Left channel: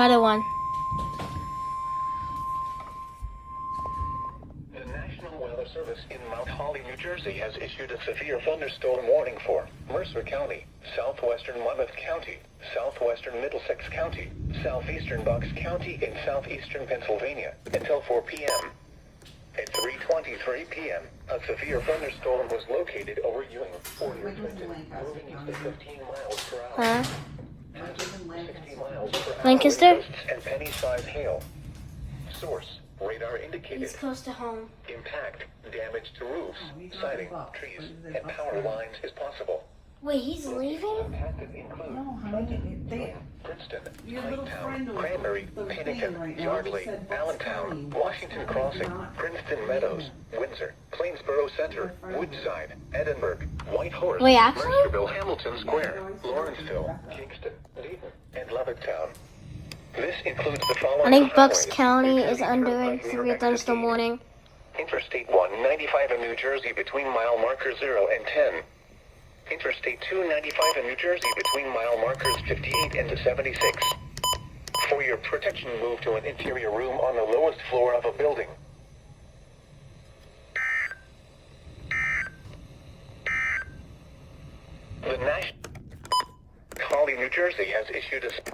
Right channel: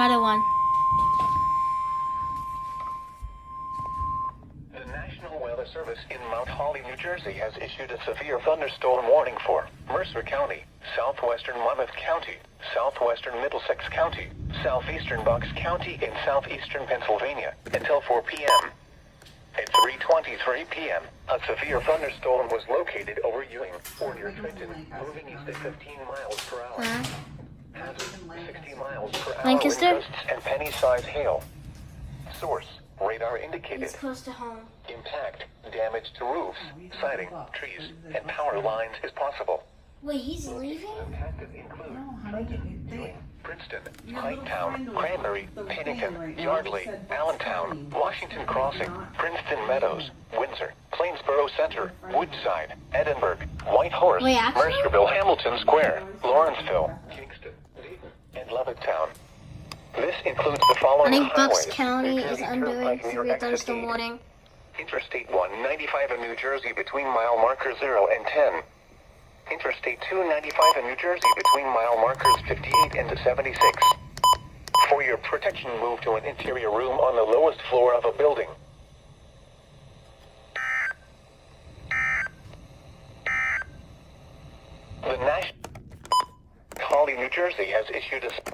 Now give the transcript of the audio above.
Another one. The National Weather Service in Mount Holly, New Jersey has issued a severe thunderstorm warning for Mercer County, southwestern Monmouth County, southwestern Middlesex County, southeastern Bucks County, and southeastern Pennsylvania until 4 p.m. At 3:23 p.m., a severe thunderstorm was located over Ewing, Fort-York, Trenton, moving east at 15 miles per hour. Huh? 60 miles per hour. Lancaster? Wind gusts and penny-sized hail. Source: radar indicated. He's close to home. Impact: damage to roofs, siding, trees, and power lines is possible. Wait, he's leaving? Impacted include Princeton, Hightown, Cranberry, Pennington, Yardley, Allentown, Washington Crossing, Princeton Meadows, Windsor, Plainsboro Center, Woodside, Edinburgh, Whitehorse, Wait, actually? Mercerville, Hamilton Square, Lawrenceville, Kingston, Dayton, and Levittown. This includes the following I think Bucks highways, County is including under Turnpike near severe thunderstorm Exit 8, warning. Interstate 195 in New Jersey between mile markers 0 and 10. Interstate 295 in New Jersey between mile markers 58 and 76. For your protection, move to an interior room on the lowest floor of a building. The National Holly, New Jersey has issued a